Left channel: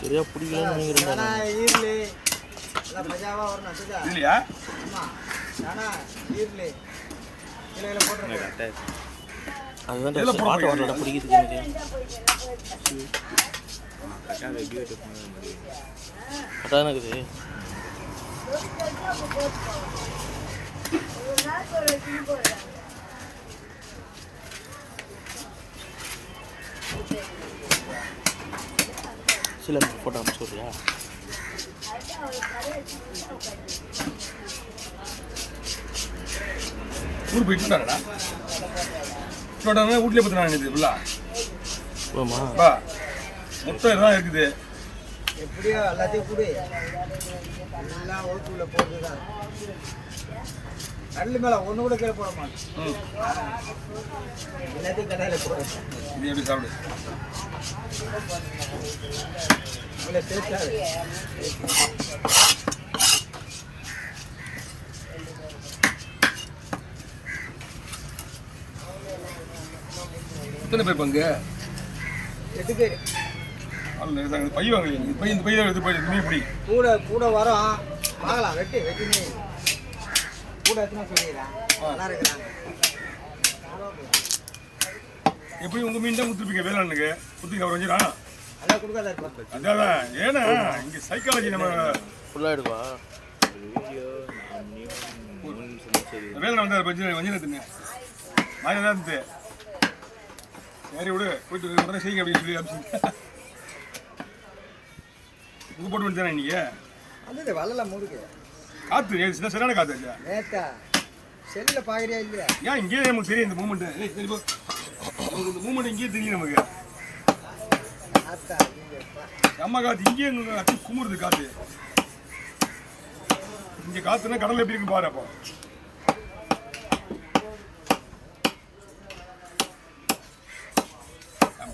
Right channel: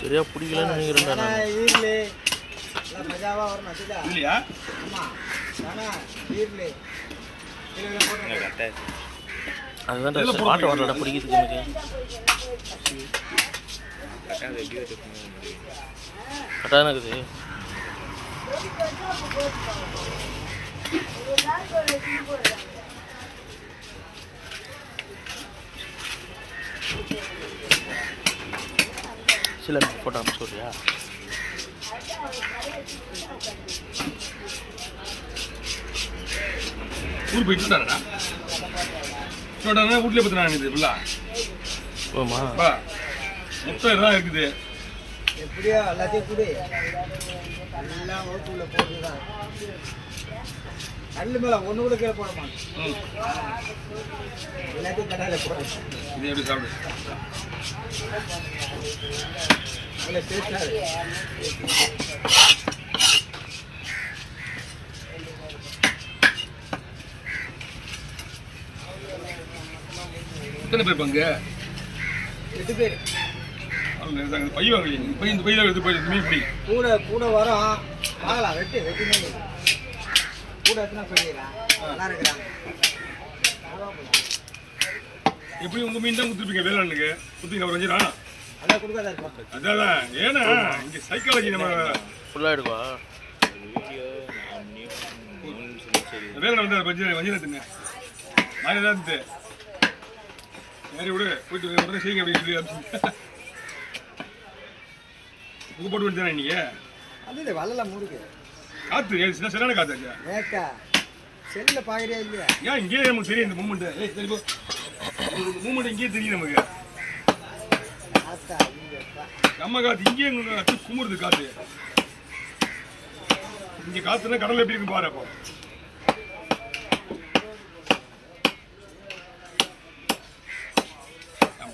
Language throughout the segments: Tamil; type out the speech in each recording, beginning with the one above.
சரியா பிடிக்கலன்னு நினைக்கிறேன். அதுதான் பாட்டு வரலடா பிடிக்கிறதுக்கு எனக்கு கரெக்டாக இருக்குது. சில போட்டோ அனுப்பிச்சு சொல்றியா? ஊர் போயிட்டு இருந்தாடா வீட்லயே பத்தினா இது ஃபுல்லா மொத்தம் இதுதான் இருக்குது. எப்படியோ எல்லாத்தையும் கூட எல்லாம் ஓட்டுல போட்டுதான் கல்லு மேல ஒண்ணு கூட கீழே போட மாட்டேன். எல்லாத்தையும் கடையில போட இது எப்படி சாப்பிடு எத்தனை பேர் பங்கு? 8 பேர். பை வாங்கலையே பை இந்த பையில எடுத்து போய் மீன் பிடி கூட கூட வரோம் வாங்கலாம். வெட்டி மீன் கூட எத்தனை சொல்லிடுறேன் நல்லா இருக்கிறாங்க. எப்படி உங்க மீன் தான் கொடுத்துருப்பீங்க வேளாண்மைக்கு குத்தி அவர் வஞ்சிடா அதான் கொடுக்காத இருப்பாங்க. அதான் ஏன்னா இங்க சைக்காலஜி நம்ம ஃபுல்லாக எடுப்பா வேலை வந்து வஞ்சிட தின்னு மாதிரி தான் இருந்து சரி விடு போயிட்டு உடனே செய்யுங்க அப்படின்னு சொல்லி அனுப்பிச்சு உங்க போட்டு வந்துதானே இன்னைக்கு அது வள்ளலாம் மூடுக்கு காத்து சரியான காத்து ஏக்கா செல்ல பாக்குறியா இல்லையா? ஏன் இங்கேயே நமக்கு தெரியும் இந்த மூமெண்ட் இந்த மூமெண்ட் இங்கேயே தெரியும் நமக்கு. அம்மா காத்து இங்கேயே அச்சு குமுறுது காத்து. இங்க காத்துனா கடல் எப்படி இருக்கு பாரு. அப்போ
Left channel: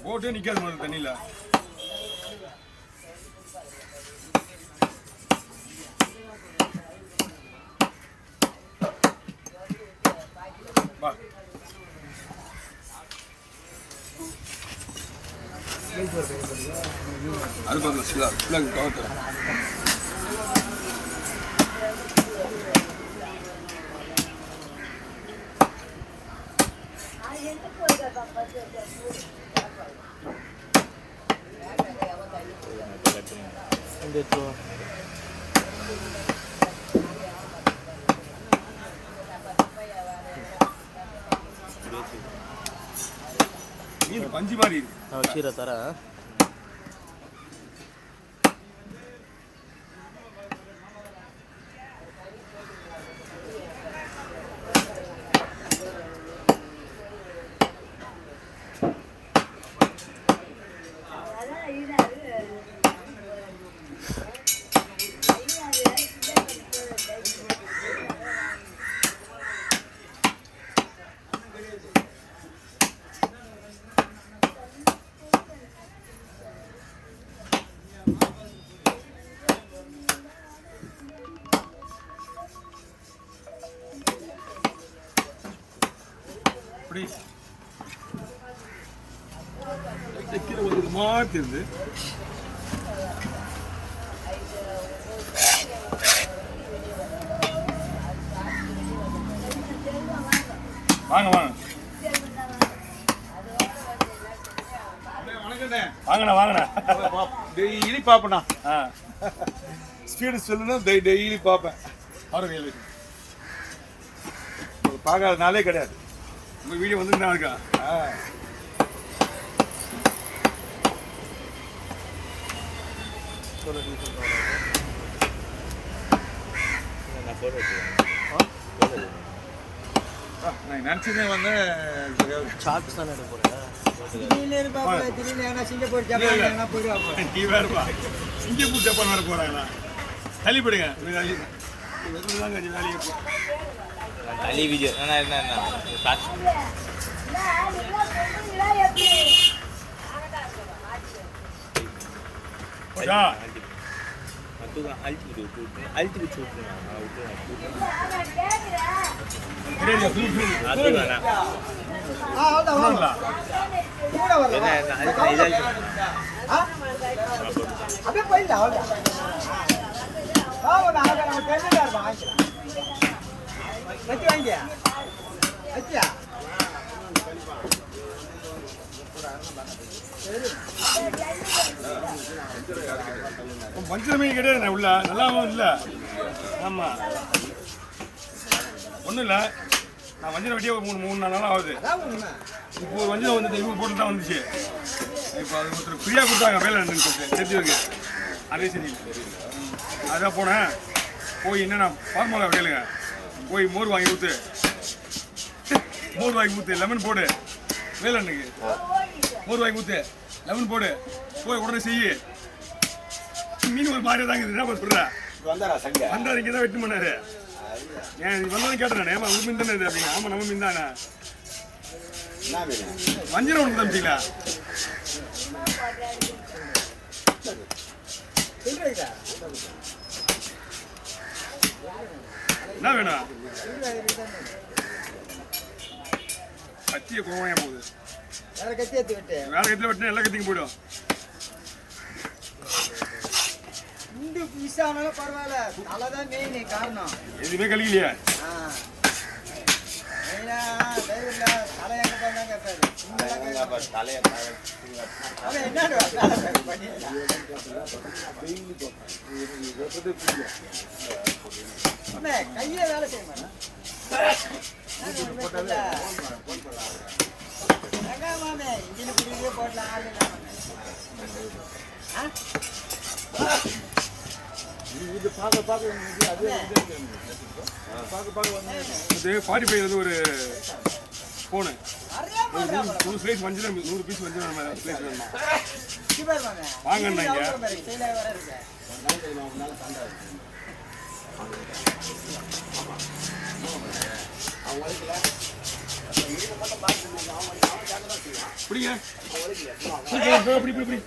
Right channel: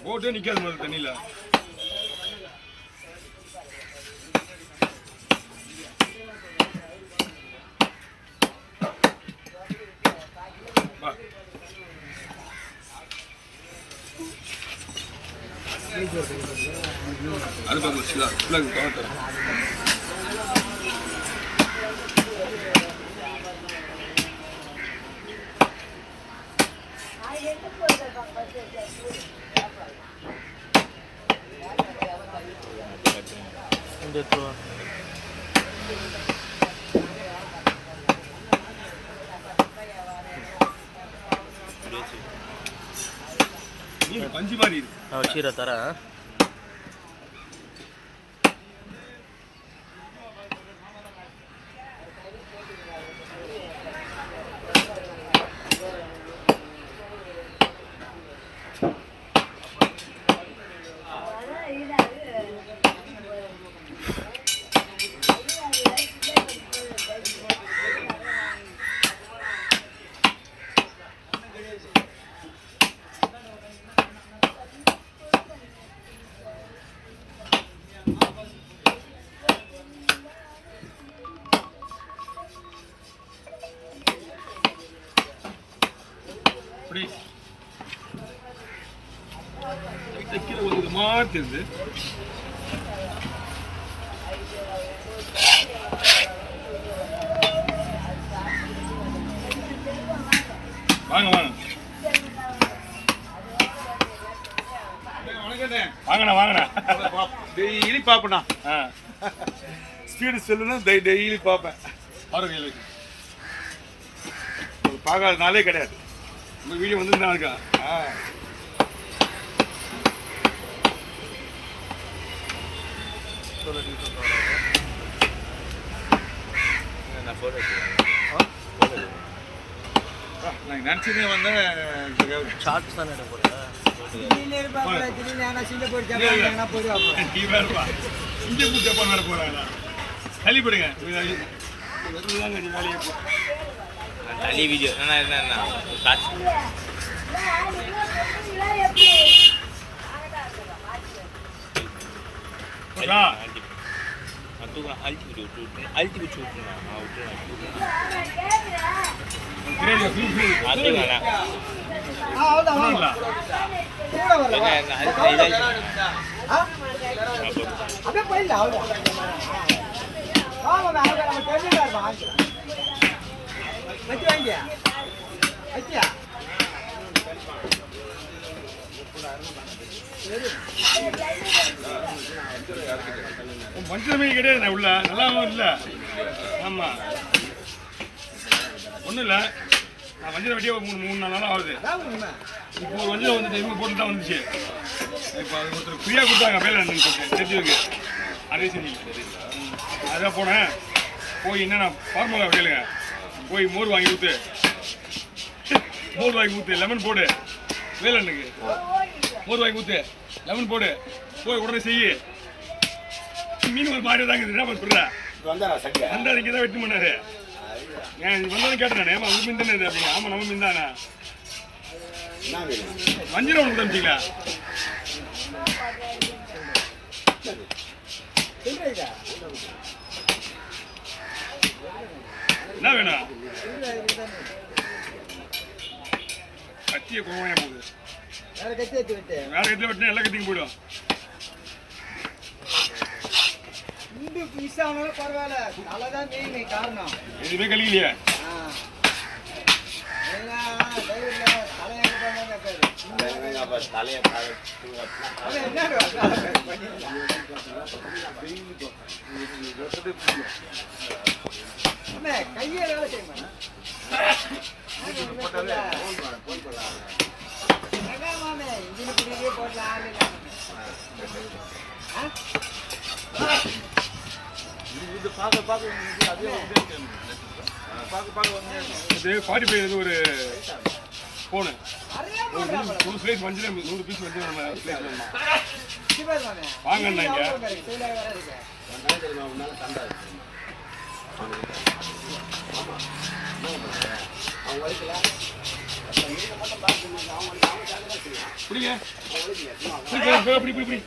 போட்டே நிக்காது முதல்ல தண்ணியில. அது பார்க்கலாம் கவர்த்தரேன். பஞ்சு மாதிரி வச்சுக்கிற தரேன். கீழே ஒரு மாதிரி இருந்து வாங்க வாங்க வாங்கண்ணா வாங்கண்ணா டெய்லி பார்ப்பேண்ணா. ஸ்பீடு சொல்லுன்னா டெய்லி பார்ப்பேன். பாருங்க பார்க்காத நாளே கிடையாது. உங்கள் வீடியோ வந்து தான் இருக்கா? நான் நினச்சதே வந்து ஷார்ட்ஸ் தானே எடுக்க போகிறேன். நீ வேறுப்பா சிங்கப்பூர் ஜப்பான் வேறு போகிறாங்களா? தள்ளிப்படுங்க வேலையை தள்ளி வீடியோ அழுத்தி வச்சு விட்டுருங்க தெரியாது ஃபுல் அது வேணாம் அவ்வளோதான் பண்ணுவாங்களா கூட வரல அப்படியே போயிடலாம் அவ்வளோதான் நம்ம தெரிஞ்சுட்டா இருப்போம் வாங்கிக்கலாம் வச்சு வாங்கியா வச்சியா பஞ்சமே கிடையாது உள்ள நல்லாவும் இல்லை ஆமாம் ஒன்றும் இல்லை நான் வஞ்சரம் வெட்டியே மூணு நாலு நாள் ஆகுது அதான் உண்மை இப்போ ஒரு வஞ்சரம் வந்துட்டு இவங்க போட்டு தான் வந்துச்சு இப்போ அது ஒருத்தர் ஃப்ரீயாக கொடுத்தாங்க வேலை என்னன்னு சொல்லிட்டு தெரிஞ்சவங்க அதே சரி அதான் போனேன் போய் என்னென்ன ஃபார்முலா கேளுங்க போய் மோர் வாங்கி ஊற்று லெமன் போடு வேலண்ணுக்கு மோர் வாங்கி ஊற்று லெமன் போடு போய் உடனே செய்யு மீன் ஒரு மாதிரி தாங்க என்ன சொல்கிறேன் வந்தார் இங்கே தான் வெட்டு பண்ணாரு ஏன் வந்தாலும் கேட்டேன் ஏமா உங்க மீன் தானே இது அப்படிங்க ஆமாம் நம்ம மீன் தானே வஞ்சிரம் ஒன்று தம்பிங்களா என்ன வேணும் கத்தியை கோவையா போகுது வேற கத்தி எடுத்து விட்டு வேற கத்தியில் வெட்டினா எல்லா கத்திக்கும் போயிடும் இந்து மிஸ் ஆனாலும் பரவாயில்ல நல்லதான் மெயின் காரணம் எதுவுமே கழிக்கலையே மெயினா டைவர்ல தலையாக பண்ணாங்க கேட்பாரு அதான் என்னடு அம்மே கையே வேலை செய்ய மாட்டேன் மாமே இன்ஜின் பிடிக்கவே போடல ஆள் இல்லை இது 45 வந்து ஒரு ஃபோனு நூறு பிளேஸ் வஞ்சிரம் 100 பீஸ் வஞ்சிரம் நம்ம பிளேஸ் வேணுமா வாங்கண்ணா இங்க பிடிங்க பிடி